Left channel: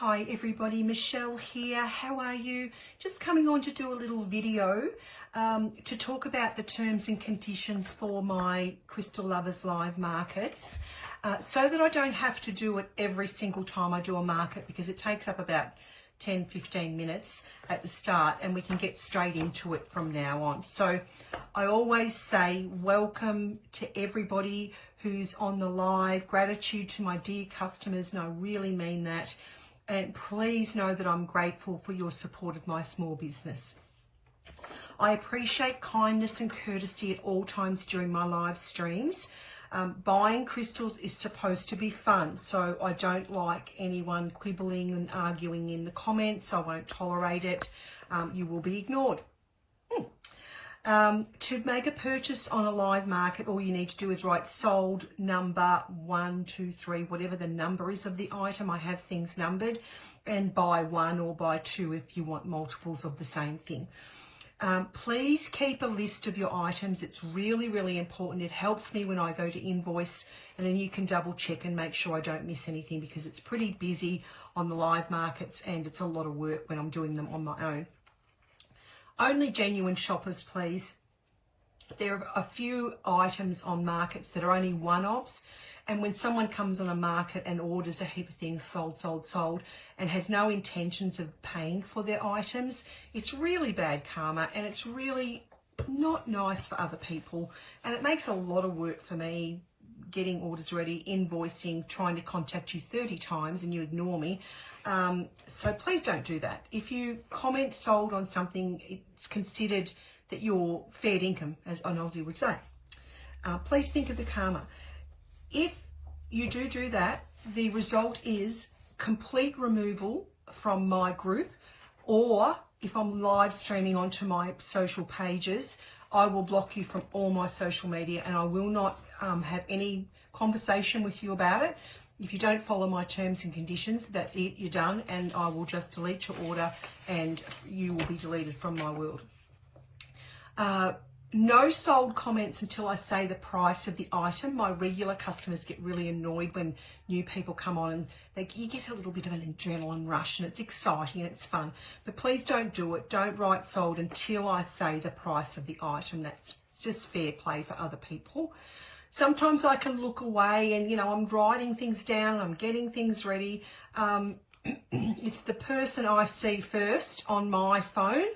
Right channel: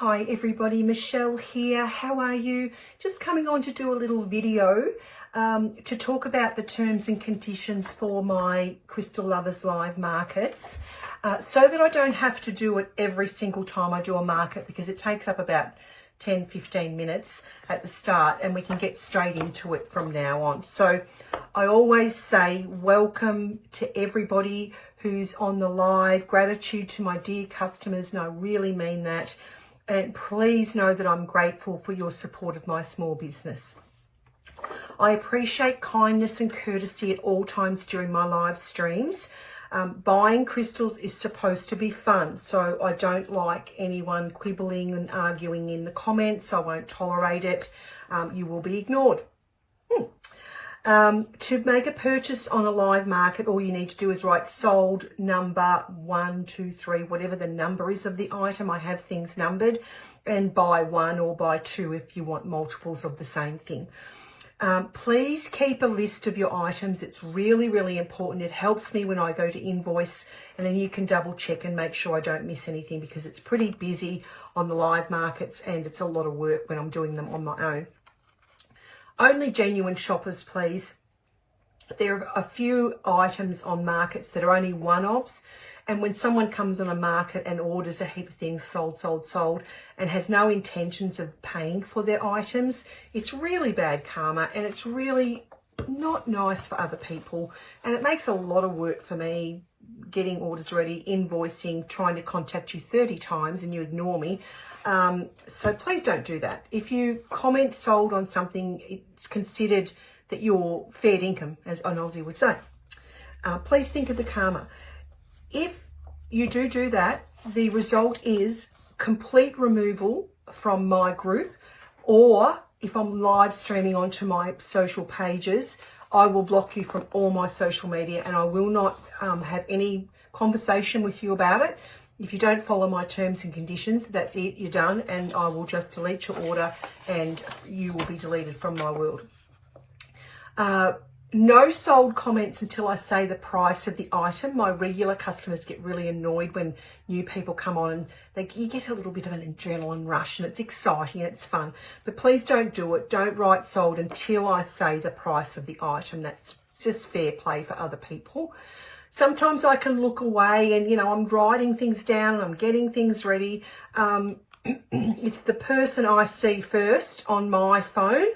Hi everybody, Michelle here. How are you? Just coming on to do a little video to talk about the terms and conditions for my Crystal Lovers Live markets so that I don't have to do it every single time I do a market, because it takes up about 10-15 minutes at the start and we can get straight into it from now on. So I always say welcome to everybody who's on the live, gratitude to my dear customers, and I really mean that. And please know that I'm grateful for your support of my small business. I appreciate kindness and courtesy at all times during my live streams. Buying crystals is supposed to be fun, so I don't like anyone quibbling and arguing in the comments. I won't tolerate it. You will be ignored. To make a purchase on a live market, all you need to do is write sold number 1, 2, 3, whatever the number is of the item. I have things numbered, and buy 1 or buy 2 if you want multiples of the same thing. Please keep a list of your items. It's really, really important. It helps me when I go to invoice, and then you can double check and make sure I don't miss anything, because it's pretty busy on the live markets and it's a lot of work when I'm doing them on my own. Only genuine shoppers, please. There are a few items on markets that are only one-offs, and when someone comes on a market and orders a heap of things sold, and has no intentions of paying for their items, it's really bad karma, and it's really not nice for other people, and it makes a lot of work for me getting orders ready, invoicing, trying to contact you 30 times and you ignore me. So please don't do that. If you comment sold on something, it's considered that you're fair income, as an Aussie would say. Please think of the karma. If you do that, the result is complete removal from my group, or if I'm live streaming onto my social pages, I will block you from all my social media, and I will not have any conversation with you about it. If you don't follow my terms and conditions, that's it, you're done, and I will just delete your order and you will be deleted from my world. No sold comments until I say the price of the item. My regular customers get really annoyed when new people come on, and you get a little bit of an adrenaline rush, and it's exciting and it's fun. But please don't do it. Don't write sold until I say the price of the item. That's just fair play for other people. Sometimes I can look away and, I'm writing things down and I'm getting things ready. It's the person I see first on my phone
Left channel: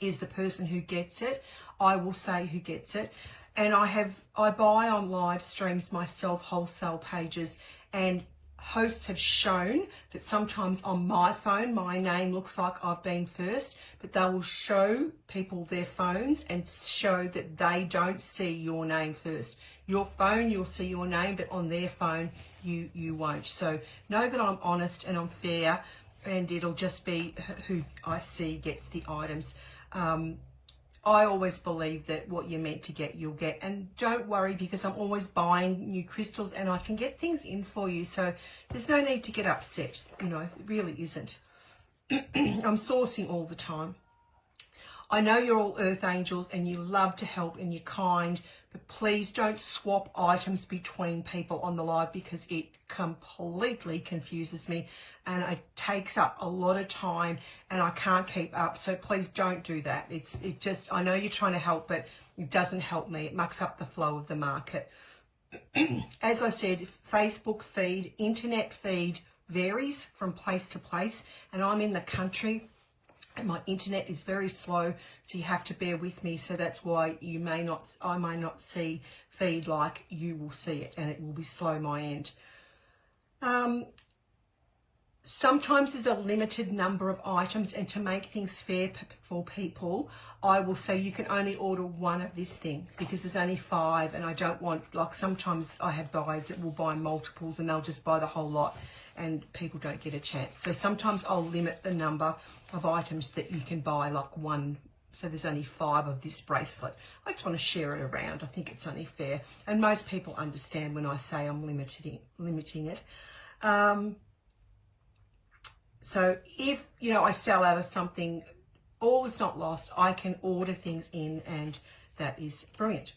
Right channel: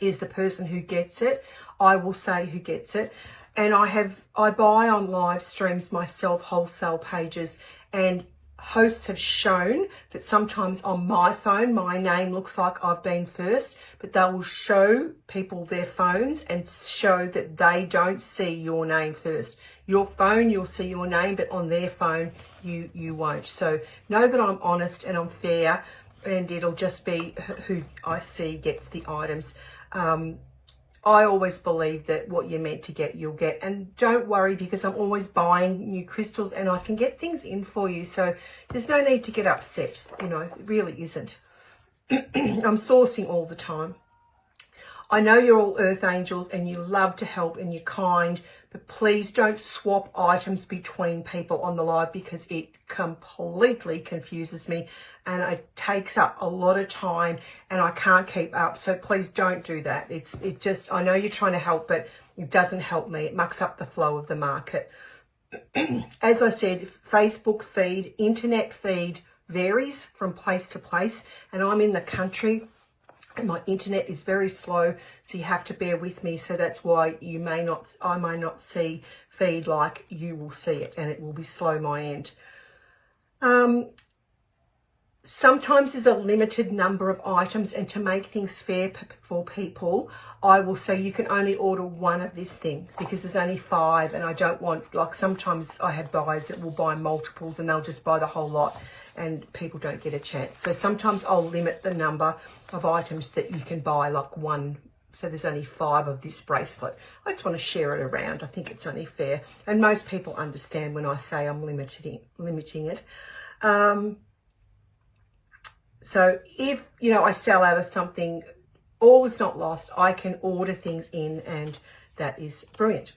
is the person who gets it. I will say who gets it. And I buy on live streams myself, wholesale pages, and hosts have shown that sometimes on my phone, my name looks like I've been first, but they will show people their phones and show that they don't see your name first. Your phone, you'll see your name, but on their phone, you won't. So know that I'm honest and I'm fair, and it'll just be who I see gets the items. I always believe that what you're meant to get, you'll get. And don't worry, because I'm always buying new crystals and I can get things in for you. So there's no need to get upset. It really isn't. I'm sourcing all the time. I know you're all earth angels and you love to help and you're kind, but please don't swap items between people on the live, because it completely confuses me and it takes up a lot of time and I can't keep up. So please don't do that. I know you're trying to help, but it doesn't help me. It mucks up the flow of the market. As I said, Facebook feed, internet feed varies from place to place, and I'm in the country and my internet is very slow, so you have to bear with me. So that's why I may not see feed like you will see it, and it will be slow my end. Sometimes there's a limited number of items, and to make things fair for people, I will say you can only order one of this thing, because there's only 5, and I don't want, like, sometimes I have buyers that will buy multiples and they'll just buy the whole lot, and people don't get a chance. So sometimes I'll limit the number of items that you can buy, like 1. So there's only 5 of this bracelet. I just want to share it around. I think it's only fair. And most people understand when I say I'm limiting it. So if, I sell out of something, all is not lost. I can order things in, and that is brilliant.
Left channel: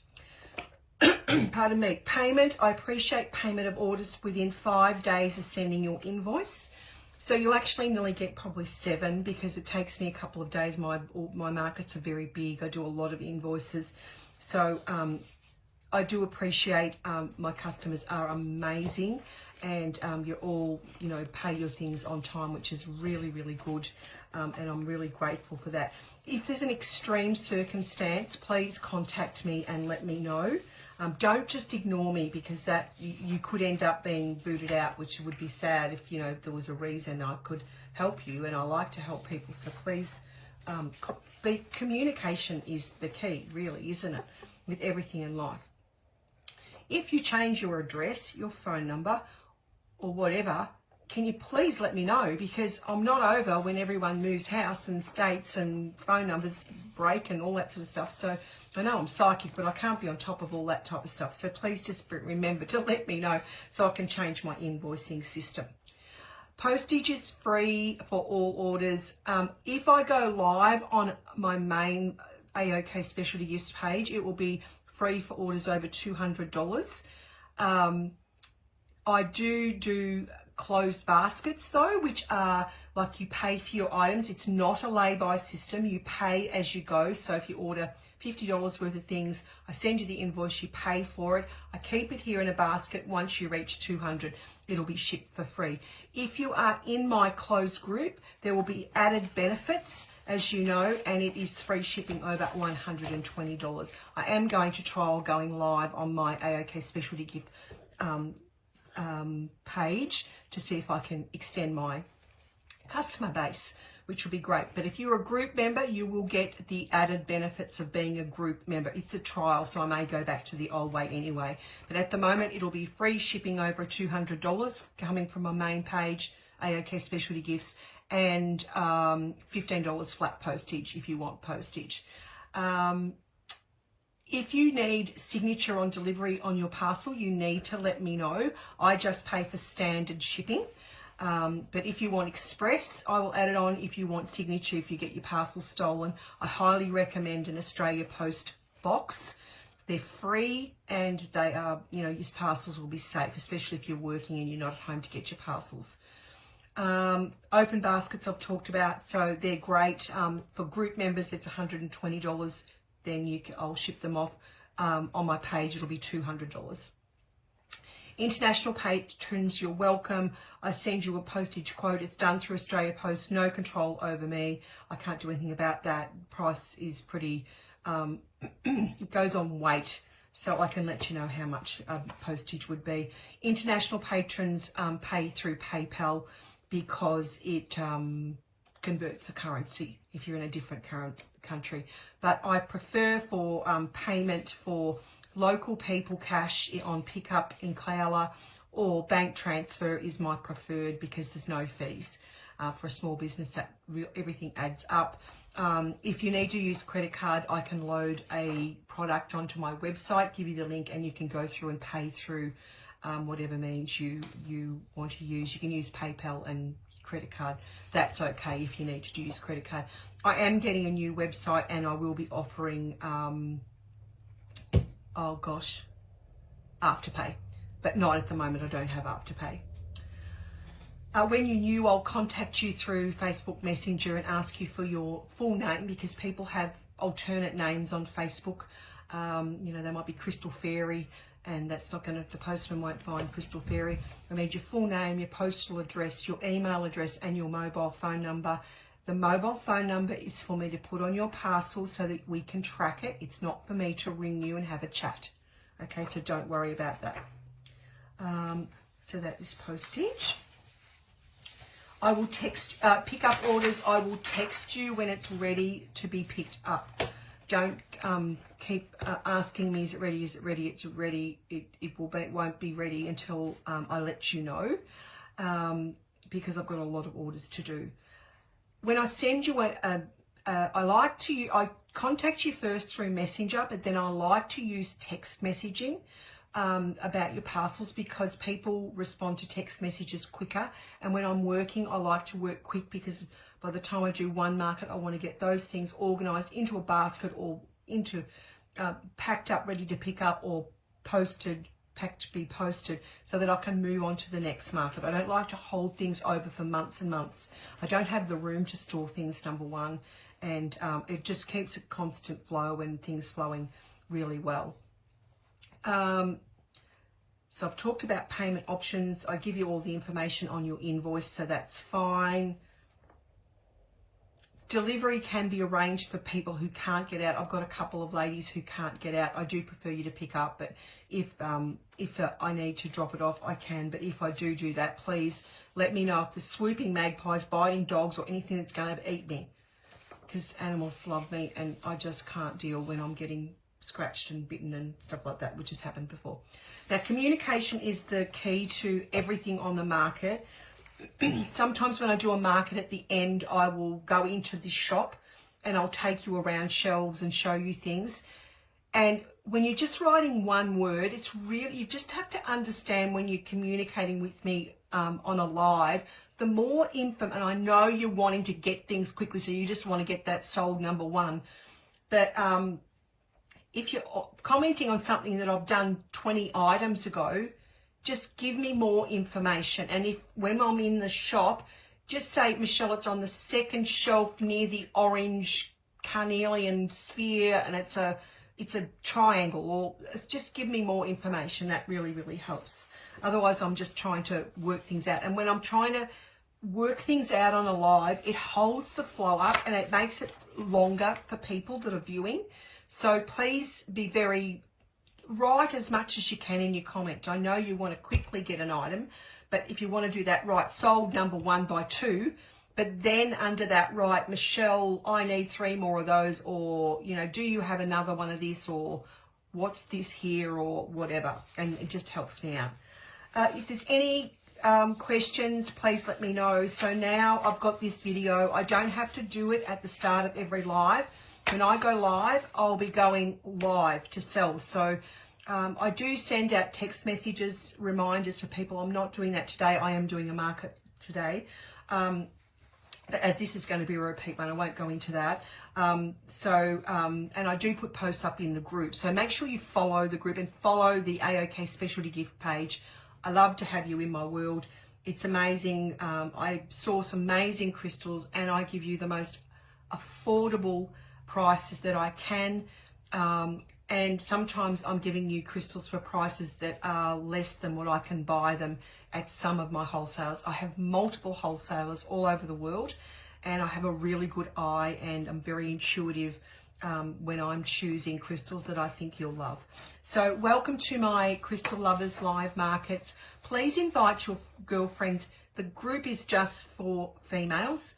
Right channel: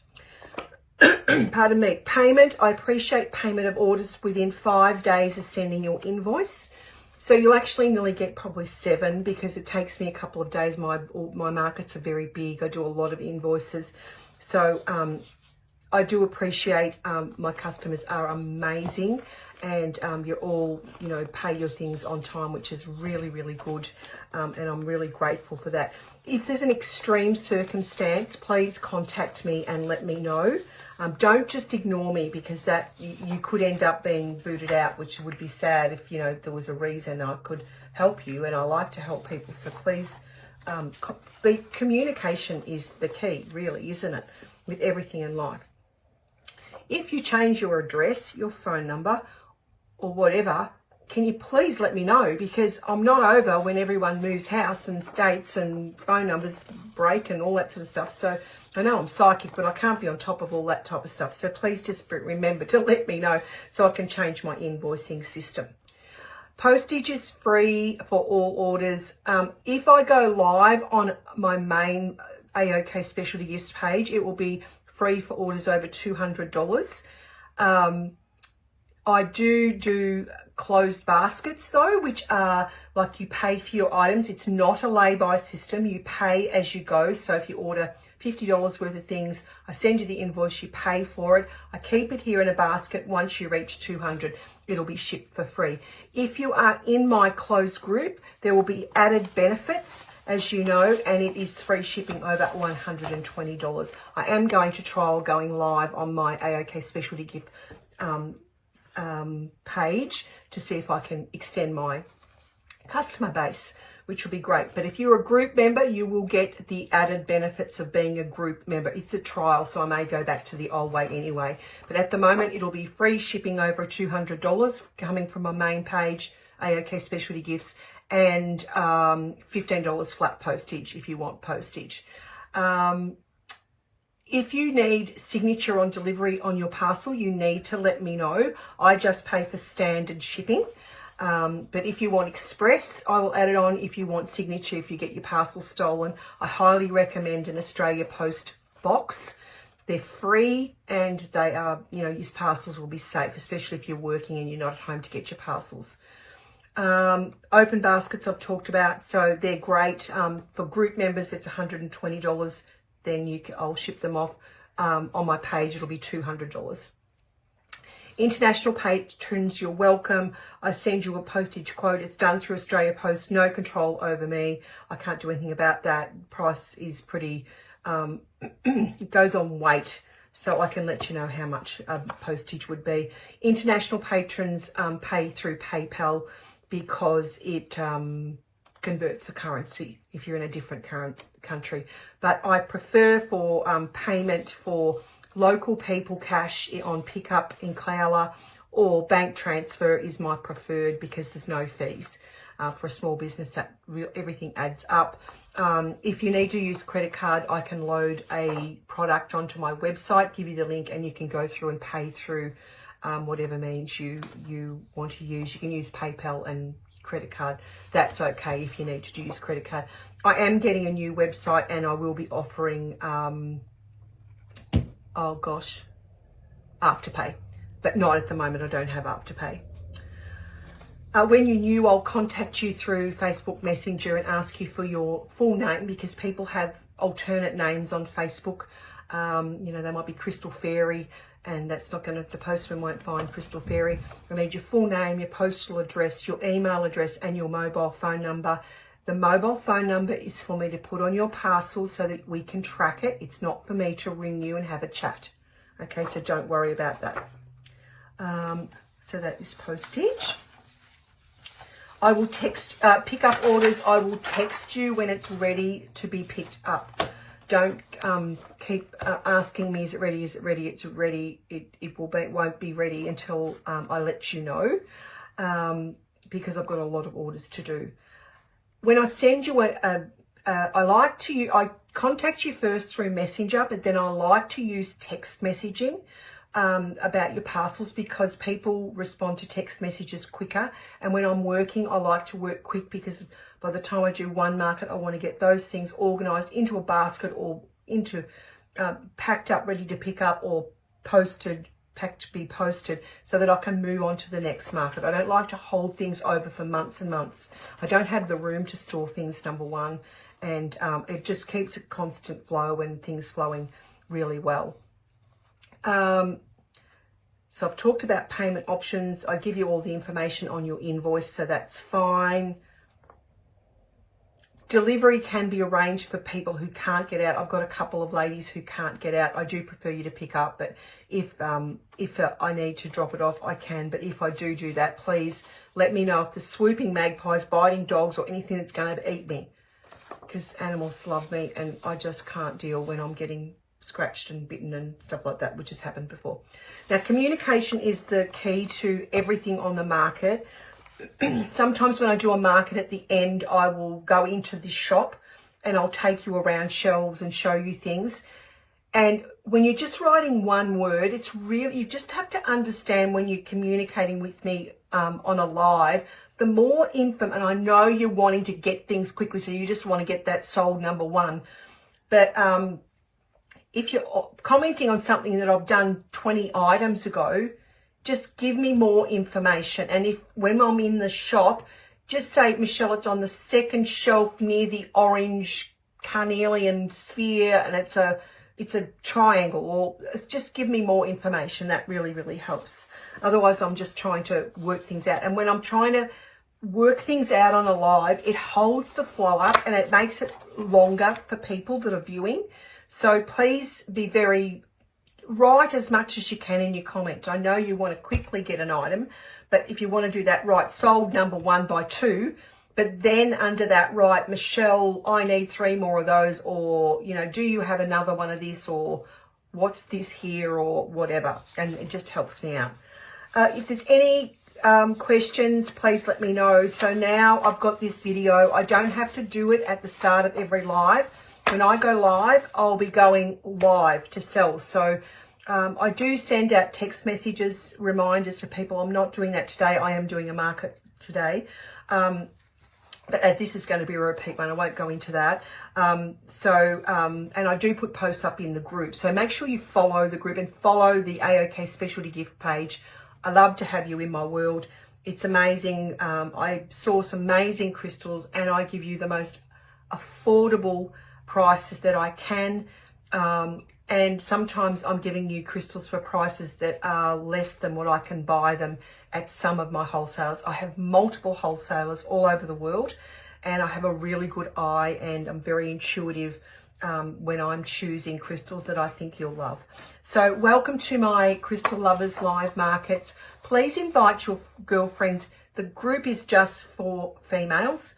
Pardon me. Payment. I appreciate payment of orders within 5 days of sending your invoice. So you'll actually nearly get probably 7 because it takes me a couple of days. My markets are very big. I do a lot of invoices. So I do appreciate my customers are amazing, and you're all, you know, pay your things on time, which is really, really good. And I'm really grateful for that. If there's an extreme circumstance, please contact me and let me know. Don't just ignore me, because that you could end up being booted out, which would be sad if, you know, there was a reason I could help you, and I like to help people. So please, communication is the key, really, isn't it, with everything in life. If you change your address, your phone number, or whatever, can you please let me know, because I'm not over when everyone moves house and states and phone numbers break and all that sort of stuff. So I know I'm psychic, but I can't be on top of all that type of stuff. So please just remember to let me know so I can change my invoicing system. Postage is free for all orders. If I go live on my main AOK Specialty Gifts page, it will be free for orders over $200. I do closed baskets though, which are like you pay for your items. It's not a lay-by system. You pay as you go. So if you order $50 worth of things, I send you the invoice, you pay for it. I keep it here in a basket. Once you reach 200, it'll be shipped for free. If you are in my closed group, there will be added benefits, as you know, and it is free shipping over $120. I am going to trial going live on my AOK Specialty Gift page to see if I can extend my customer base, which will be great. But if you're a group member, you will get the added benefits of being a group member. It's a trial, so I may go back to the old way anyway. But at the moment, it'll be free shipping over $200 coming from my main page, AOK Specialty Gifts, and $15 flat postage if you want postage. If you need signature on delivery on your parcel, you need to let me know. I just pay for standard shipping. But if you want express, I will add it on. If you want signature, if you get your parcel stolen, I highly recommend an Australia Post box. They're free, and they are, you know, your parcels will be safe, especially if you're working and you're not at home to get your parcels. Open baskets I've talked about, so they're great. For group members, it's $120. Then I'll ship them off. On my page, it'll be $200. International patrons, you're welcome. I send you a postage quote. It's done through Australia Post. No control over me. I can't do anything about that. Price is pretty, it goes on weight, so I can let you know how much postage would be. International patrons pay through PayPal because it converts the currency if you're in a different country. But I prefer for payment for local people, cash on pickup in Kyalla, or bank transfer is my preferred because there's no fees. For a small business, that everything adds up. If you need to use credit card, I can load a product onto my website, give you the link, and you can go through and pay through whatever means you want to use. You can use PayPal and credit card. That's okay if you need to use credit card. I am getting a new website, and I will be offering Afterpay, but not at the moment. I don't have Afterpay. When you're new, I'll contact you through Facebook Messenger and ask you for your full name, because people have alternate names on Facebook. You know, they might be Crystal Fairy, and that's not going to, the postman won't find Crystal Fairy. I need your full name, your postal address, your email address, and your mobile phone number. The mobile phone number is for me to put on your parcel so that we can track it. It's not for me to ring you and have a chat. Okay, so don't worry about that. So that is postage. I will text, pick up orders. I will text you when it's ready to be picked up. Don't keep asking me, is it ready? Is it ready? It's ready. It won't be ready until I let you know, because I've got a lot of orders to do. When I send you I contact you first through Messenger, but then I like to use text messaging about your parcels, because people respond to text messages quicker. And when I'm working, I like to work quick, because by the time I do one market, I want to get those things organised into a basket, or into packed up, ready to pick up, or posted pack to be posted so that I can move on to the next market. I don't like to hold things over for months and months. I don't have the room to store things, number one, and it just keeps a constant flow and things flowing really well. So I've talked about payment options. I give you all the information on your invoice, so that's fine. Delivery can be arranged for people who can't get out. I've got a couple of ladies who can't get out. I do prefer you to pick up, but if I need to drop it off, I can. But if I do that, please let me know if there's swooping magpies, biting dogs, or anything that's going to eat me, because animals love me and I just can't deal when I'm getting scratched and bitten and stuff like that, which has happened before. Now, communication is the key to everything on the market. Sometimes when I do a market at the end, I will go into this shop and I'll take you around shelves and show you things. And when you're just writing one word, it's really, you just have to understand when you're communicating with me on a live, the more info, and I know you're wanting to get things quickly, so you just want to get that sold, number one. But if you're commenting on something that I've done 20 items ago, just give me more information. And if when I'm in the shop, just say, Michelle, it's on the second shelf near the orange carnelian sphere, and it's a triangle, or just give me more information. That really, really helps. Otherwise, I'm just trying to work things out. And when I'm trying to work things out on a live, it holds the flow up and it makes it longer for people that are viewing. So please be write as much as you can in your comment. I know you want to quickly get an item, but if you want to do that, write sold number 1 by 2, but then under that write, Michelle, I need 3 more of those, or, you know, do you have another one of this, or what's this here, or whatever. And it just helps me out. If there's any questions, please let me know. So now I've got this video. I don't have to do it at the start of every live. When I go live, I'll be going live to sell. So I do send out text messages, reminders to people. I'm not doing that today. I am doing a market today. But as this is going to be a repeat one, I won't go into that. And I do put posts up in the group. So make sure you follow the group and follow the AOK Specialty Gift page. I love to have you in my world. It's amazing. I source amazing crystals and I give you the most affordable prices that I can, and sometimes I'm giving you crystals for prices that are less than what I can buy them at some of my wholesalers. I have multiple wholesalers all over the world, and I have a really good eye, and I'm very intuitive when I'm choosing crystals that I think you'll love. So welcome to my Crystal Lovers Live Markets. Please invite your girlfriends. The group is just for females,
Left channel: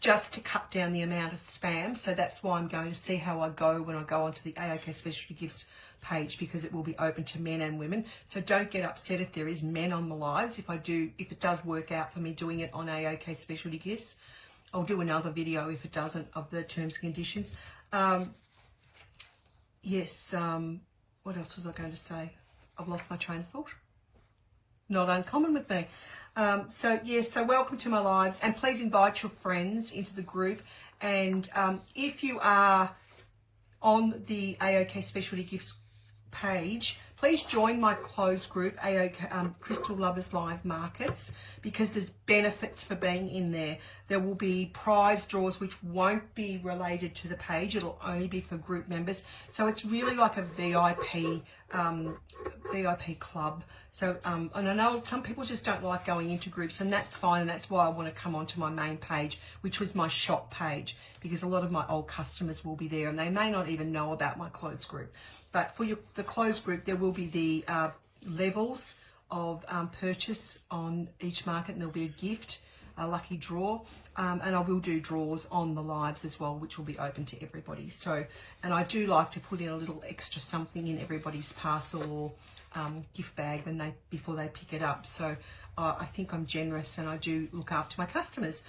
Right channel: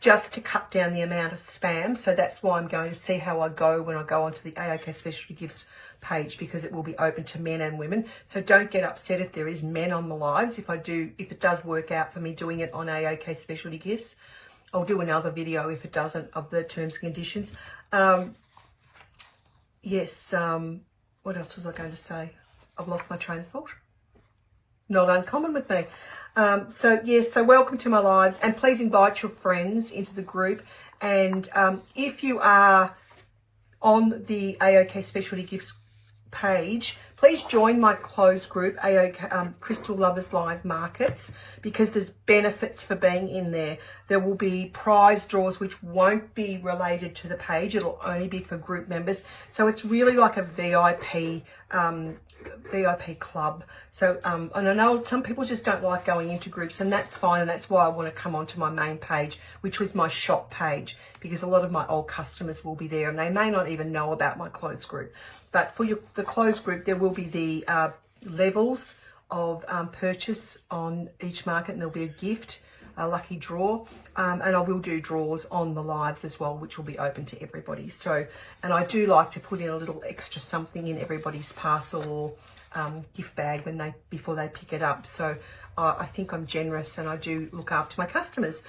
just to cut down the amount of spam. So that's why I'm going to see how I go when I go onto the AOK Specialty Gifts page, because it will be open to men and women. So don't get upset if there is men on the lives. If it does work out for me doing it on AOK Specialty Gifts, I'll do another video if it doesn't, of the terms and conditions. What else was I going to say? I've lost my train of thought. Not uncommon with me. So welcome to my lives, and please invite your friends into the group. And if you are on the AOK Specialty Gifts page, please join my closed group, AOK Crystal Lovers Live Markets, because there's benefits for being in there. There will be prize draws which won't be related to the page. It'll only be for group members. So it's really like a VIP club. So and I know some people just don't like going into groups, and that's fine, and that's why I want to come onto my main page, which was my shop page, because a lot of my old customers will be there and they may not even know about my closed group. But for the closed group, there will be the levels of purchase on each market, and there'll be a gift, a lucky draw, and I will do draws on the lives as well, which will be open to everybody. So, and I do like to put in a little extra something in everybody's parcel or gift bag before they pick it up. So I think I'm generous and I do look after my customers.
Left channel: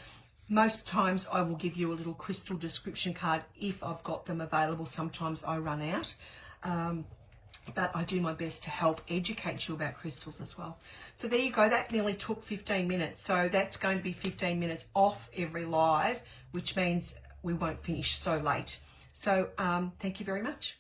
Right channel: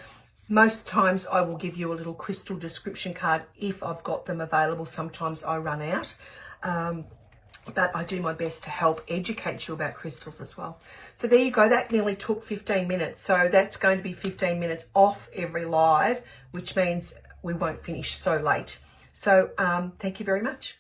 Most times I will give you a little crystal description card if I've got them available. Sometimes I run out. But I do my best to help educate you about crystals as well. So there you go. That nearly took 15 minutes. So that's going to be 15 minutes off every live, which means we won't finish so late. So thank you very much.